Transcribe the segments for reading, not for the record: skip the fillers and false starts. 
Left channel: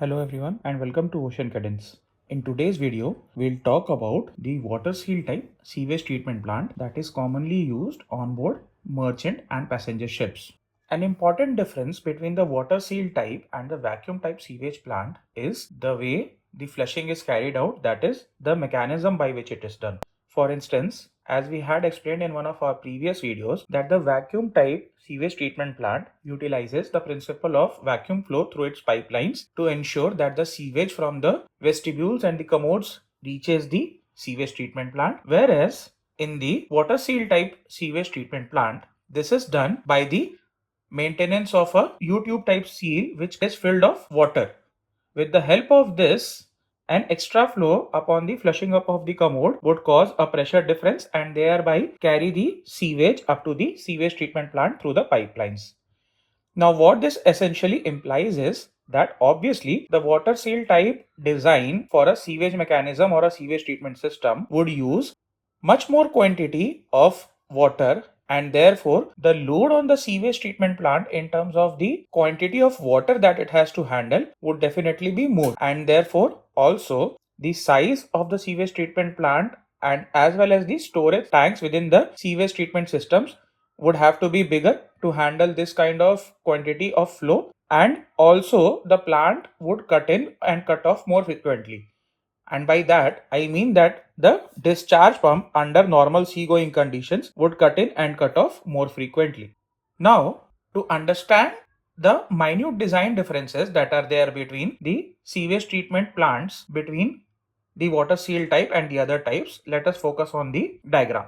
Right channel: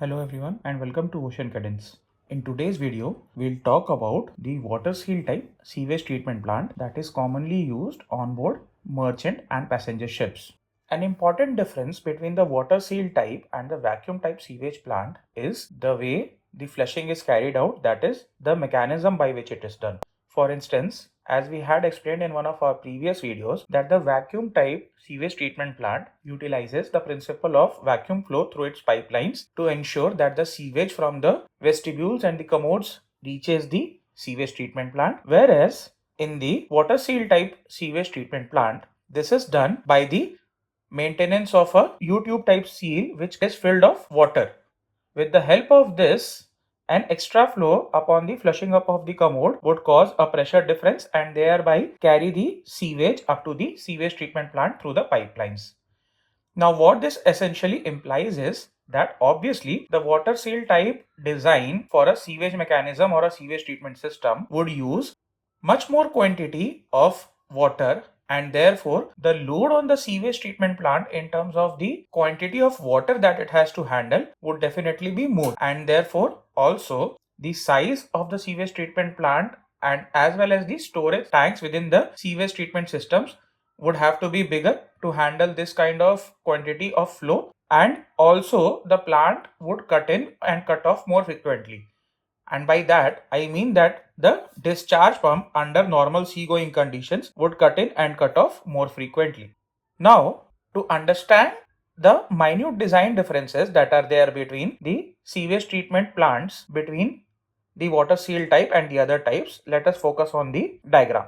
Hello everyone and welcome to Ocean Cadence. In today's video, we'll talk about the water seal type sewage treatment plant that is commonly used on board merchant and passenger ships. An important difference between the water seal type and the vacuum type sewage plant is the way the flushing is carried out, that is, the mechanism by which it is done. For instance, as we had explained in one of our previous videos, that the vacuum type sewage treatment plant utilizes the principle of vacuum flow through its pipelines to ensure that the sewage from the vestibules and the commodes reaches the sewage treatment plant, whereas in the water seal type sewage treatment plant, this is done by the maintenance of a U-tube type seal which is filled of water. With the help of this, an extra flow upon the flushing up of the commode would cause a pressure difference and thereby carry the sewage up to the sewage treatment plant through the pipelines. Now what this essentially implies is that obviously the water seal type design for a sewage mechanism or a sewage treatment system would use much more quantity of water, and therefore the load on the sewage treatment plant in terms of the quantity of water that it has to handle would definitely be more, and therefore also the size of the sewage treatment plant and as well as the storage tanks within the sewage treatment systems would have to be bigger to handle this kind of quantity of flow, and also the plant would cut in and cut off more frequently. And by that I mean that the discharge pump under normal seagoing conditions would cut in and cut off more frequently. Now, to understand the minute design differences that are there between the sewage treatment plants between the water seal type and the other types, let us focus on the diagram.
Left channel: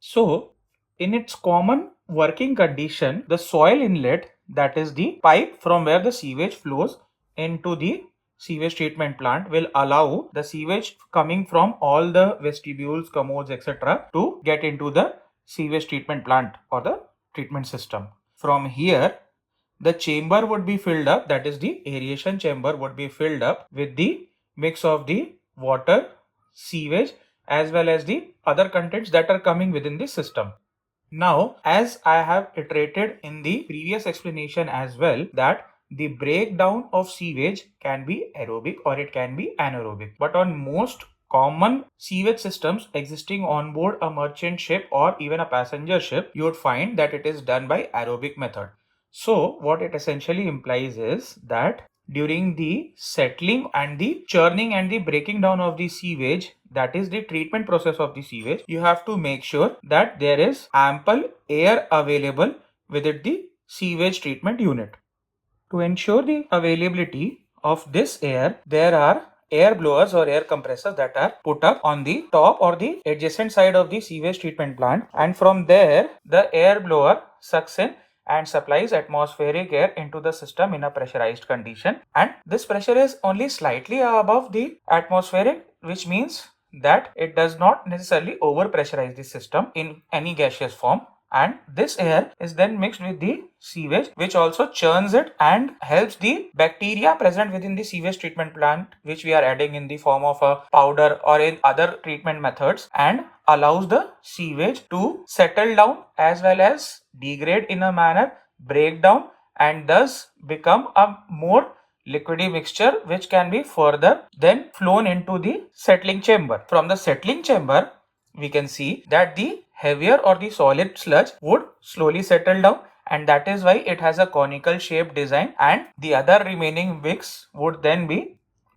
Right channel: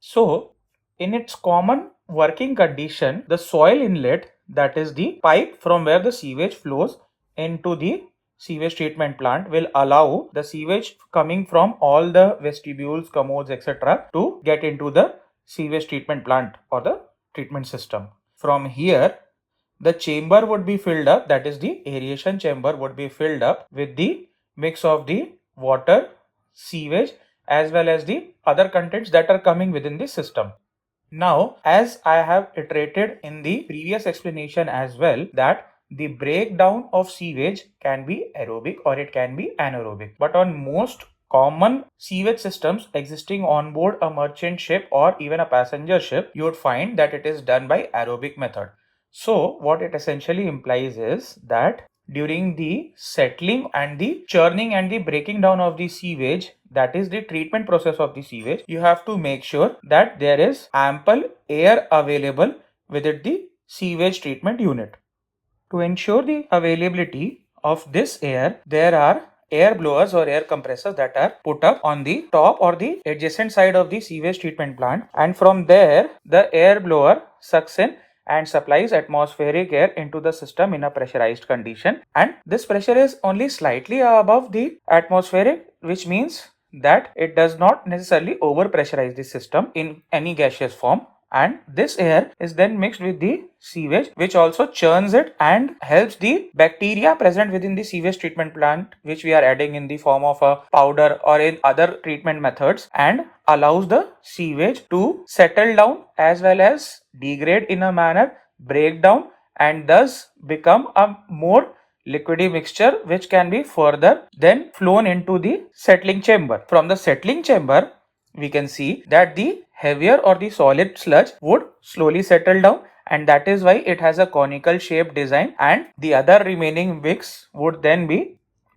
So, in its common working condition, the soil inlet, that is the pipe from where the sewage flows into the sewage treatment plant, will allow the sewage coming from all the vestibules, commodes, etc. to get into the sewage treatment plant or the treatment system. From here, the chamber would be filled up, that is the aeration chamber would be filled up with the mix of the water, sewage as well as the other contents that are coming within the system. Now, as I have iterated in the previous explanation as well, that the breakdown of sewage can be aerobic or it can be anaerobic. But on most common sewage systems existing on board a merchant ship or even a passenger ship, you would find that it is done by aerobic method. So what it essentially implies is that during the settling and the churning and the breaking down of the sewage, that is the treatment process of the sewage, you have to make sure that there is ample air available within the sewage treatment unit. To ensure the availability of this air, there are air blowers or air compressors that are put up on the top or the adjacent side of the sewage treatment plant, and from there the air blower sucks in and supplies atmospheric air into the system in a pressurized condition, and this pressure is only slightly above the atmospheric, which means that it does not necessarily over pressurize the system in any gaseous form, and this air is then mixed with the sewage, which also churns it and helps the bacteria present within the sewage treatment plant, which we are adding in the form of a powder or in other treatment methods, and allows the sewage to settle down as well as degrade in a manner, break down, and thus become a more liquidy mixture which can be further then flown into the settling chamber. From the settling chamber, we can see that the heavier or the solid sludge would slowly settle down, and that is why it has a conical shaped design, and the other remaining wicks would then be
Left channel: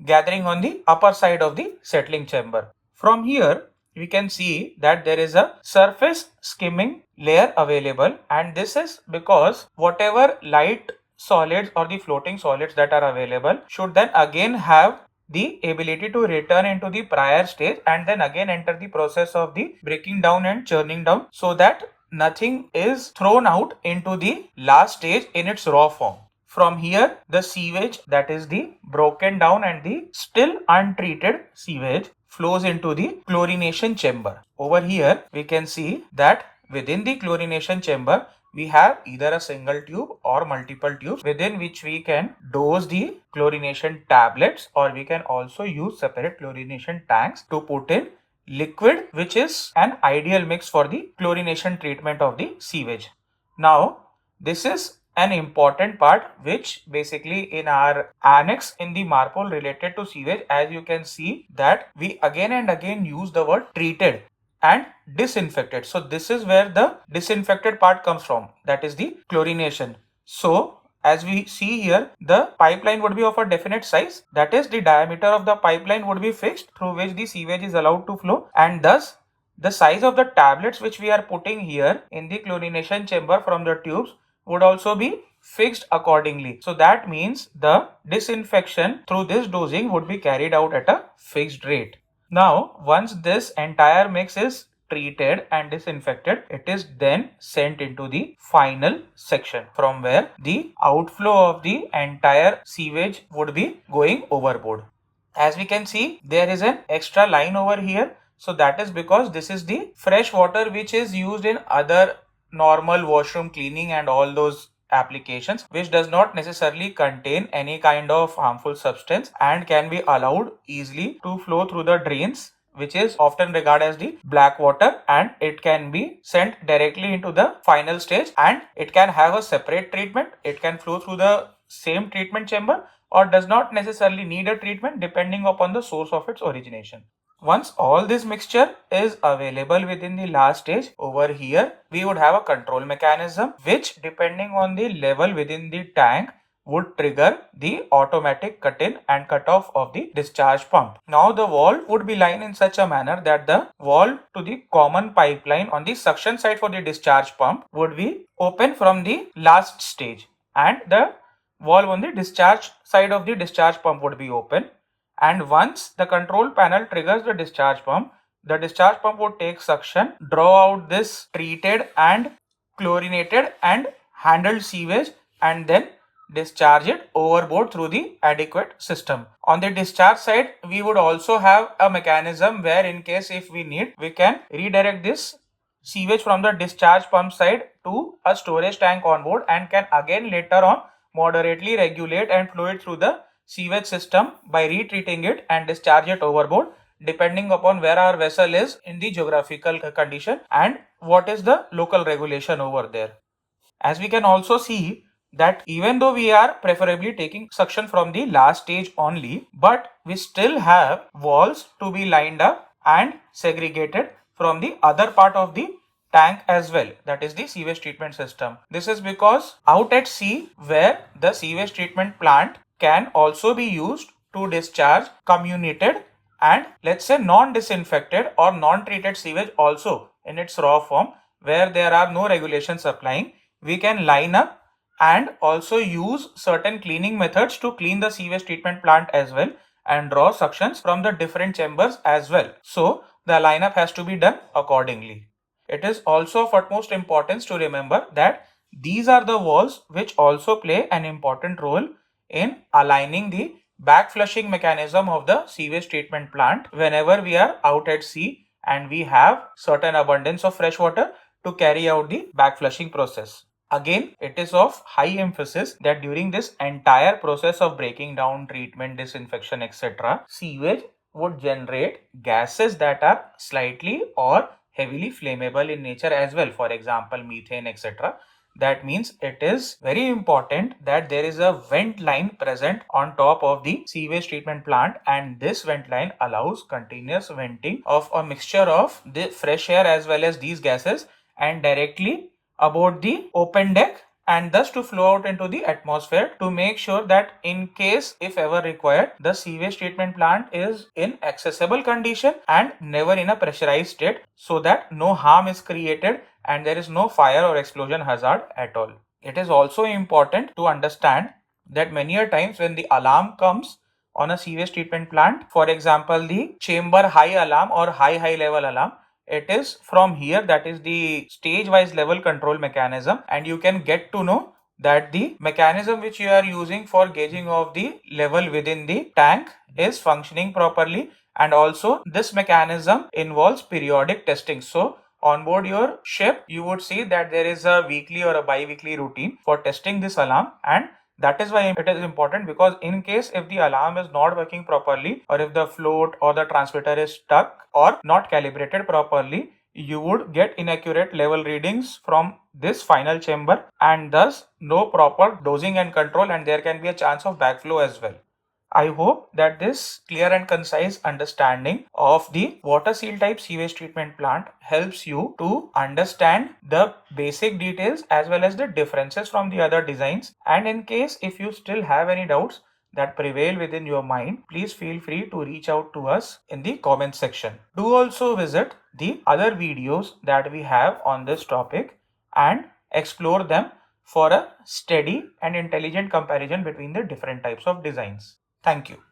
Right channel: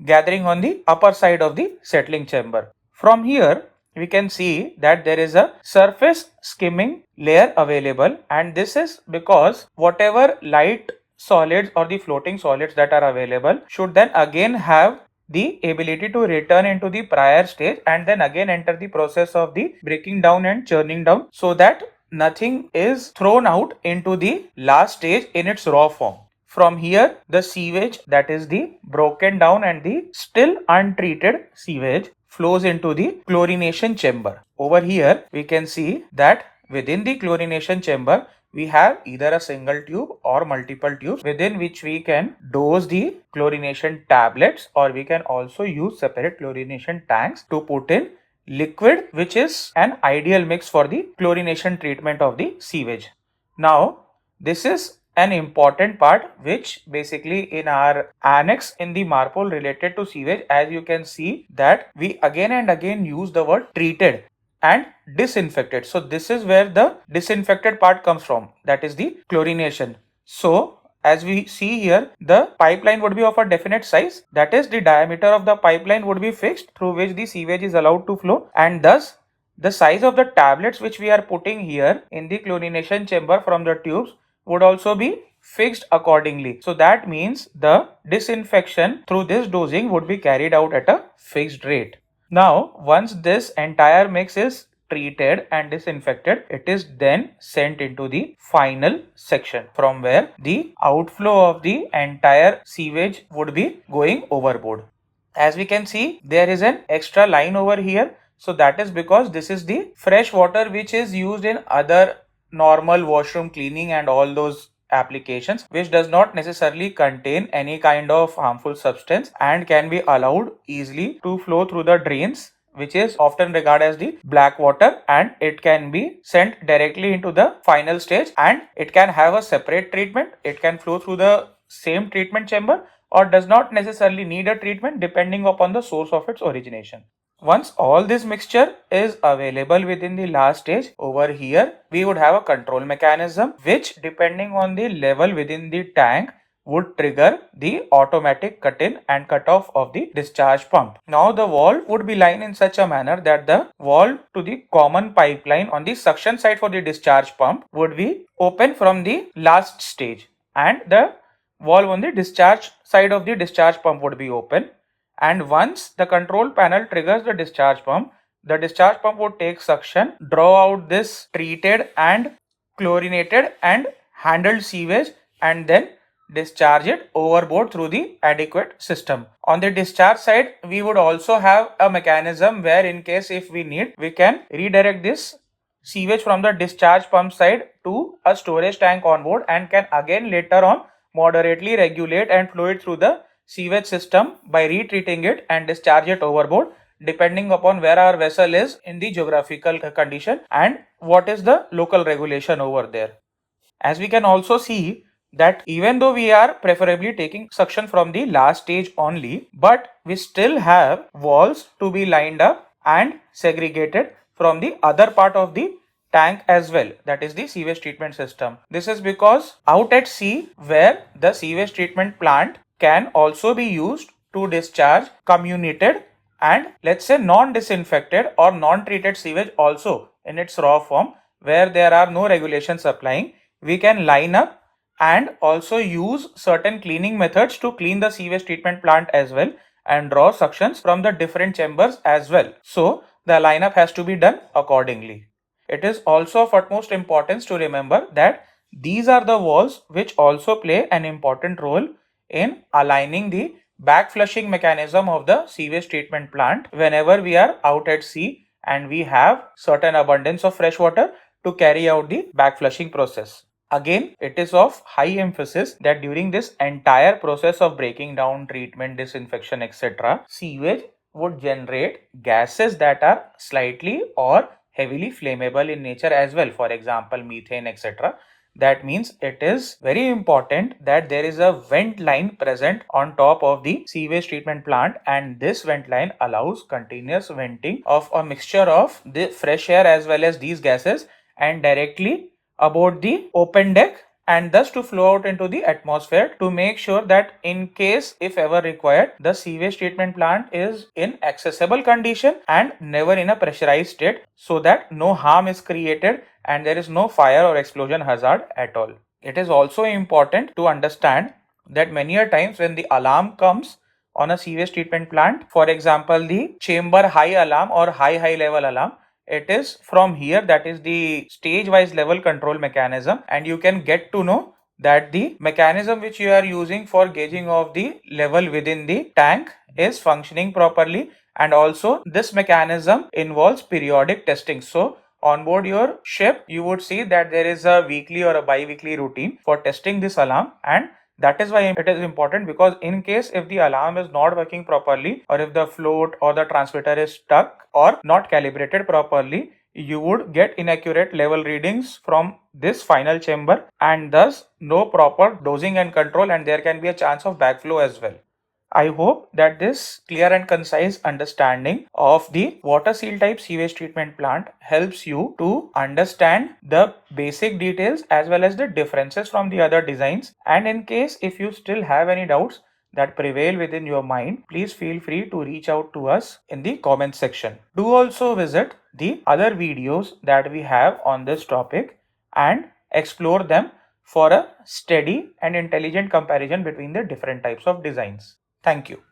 gathering on the upper side of the settling chamber. From here, we can see that there is a surface skimming layer available, and this is because whatever light solids or the floating solids that are available should then again have the ability to return into the prior stage and then again enter the process of the breaking down and churning down, so that nothing is thrown out into the last stage in its raw form. From here, the sewage, that is the broken down and the still untreated sewage, flows into the chlorination chamber. Over here, we can see that within the chlorination chamber, we have either a single tube or multiple tubes within which we can dose the chlorination tablets, or we can also use separate chlorination tanks to put in liquid, which is an ideal mix for the chlorination treatment of the sewage. Now, this is an important part which basically in our annex in the MARPOL related to sewage, as you can see that we again and again use the word treated and disinfected. So this is where the disinfected part comes from, that is the chlorination. So as we see here, the pipeline would be of a definite size, that is the diameter of the pipeline would be fixed through which the sewage is allowed to flow, and thus the size of the tablets which we are putting here in the chlorination chamber from the tubes would also be fixed accordingly. So that means the disinfection through this dosing would be carried out at a fixed rate. Now, once this entire mix is treated and disinfected, it is then sent into the final section from where the outflow of the entire sewage would be going overboard. As we can see, there is an extra line over here. So that is because this is the fresh water which is used in other normal washroom cleaning and all those applications, which does not necessarily contain any kind of harmful substance and can be allowed easily to flow through the drains, which is often regarded as the black water, and it can be sent directly into the final stage and it can have a separate treatment. It can flow through the same treatment chamber or does not necessarily need a treatment depending upon the source of its origination. Once all this mixture is available within the last stage, over here we would have a control mechanism which, depending on the level within the tank, would trigger the automatic cut-in and cut-off of the discharge pump. Now the valve would be lined in such a manner that the valve to the common pipeline on the suction side for the discharge pump would be open from the last stage, and the valve on the discharge side of the discharge pump would be open. And once the control panel triggers the discharge pump would take suction, draw out this treated and chlorinated and handled sewage, and then discharge it overboard through the adequate system. On the discharge side, we would also have a mechanism where, in case if we need, we can redirect this sewage from the discharge pump side to a storage tank on board and can again later on moderately regulate and flow it through the sewage system by retreating it and discharge it overboard, depending upon where our vessel is in the geographical condition and what is the local regulation over there. As we can also see that even though we are preferably taking suction from the last stage only, but we still have walls to be lined up and segregated from the other part of the tank as well, that is the sewage treatment system. This is because out at sea, where the sewage treatment plant can also be used to discharge comminuted and, let's say, non-disinfected or non-treated sewage also in its raw form, where there are no regulations applying, we can line up and also use certain cleaning methods to clean the sewage treatment plant as well and draw suctions from the different chambers as well. So the lineup has to be done accordingly. It is also of utmost importance to remember that these are the valves which also play an important role in aligning the back flushing mechanism of the sewage treatment plant whenever we are out at sea and we have certain abundance of fresh water to carry out the back flushing process. Again, it is of high emphasis that during this entire process of breaking down, treatment, disinfection, etc., sewage would generate gases that are slightly or heavily flammable in nature as well, for example methane, etc. That means it is very important that there is a vent line present on top of the sewage treatment plant, and this vent line allows continuous venting of a mixture of the fresh air as well as these gases and directly aboard the open deck, and thus to flow out into the atmosphere to make sure that in case if ever required, the sewage treatment plant is in accessible condition and never in a pressurized state, so that no harm is created and there is no fire or explosion hazard at all. It is also important to understand that many a times when the alarm comes on a sewage treatment plant, for example the chamber high alarm or high level alarm, it is from here, that is the stage wise level control mechanism, and you can get to know that the mechanism which you are using for gauging of the level within the tank is functioning properly, and also this mechanism involves periodic testing. So on board your ship, you would see that there is a weekly or a bi-weekly routine for testing this alarm, and that is why it is important, because in case if the alarm is not working properly or if the float or the transmitter is stuck or not calibrated properly, you would get inaccurate level readings from this final chamber and thus no proper dosing and control, and there can be a chance of backflow as well. I hope that this clear and concise understanding of the water seal type sewage treatment plant helps you to understand the basic details as well as the differences from the other designs. And in case if you still have any doubts that prevail within your mind, please feel free to reach out to us in the comment section. Do also visit the other videos that we have on this topic and explore them for a steady and intelligent comparison between the different types of designs. Thank you.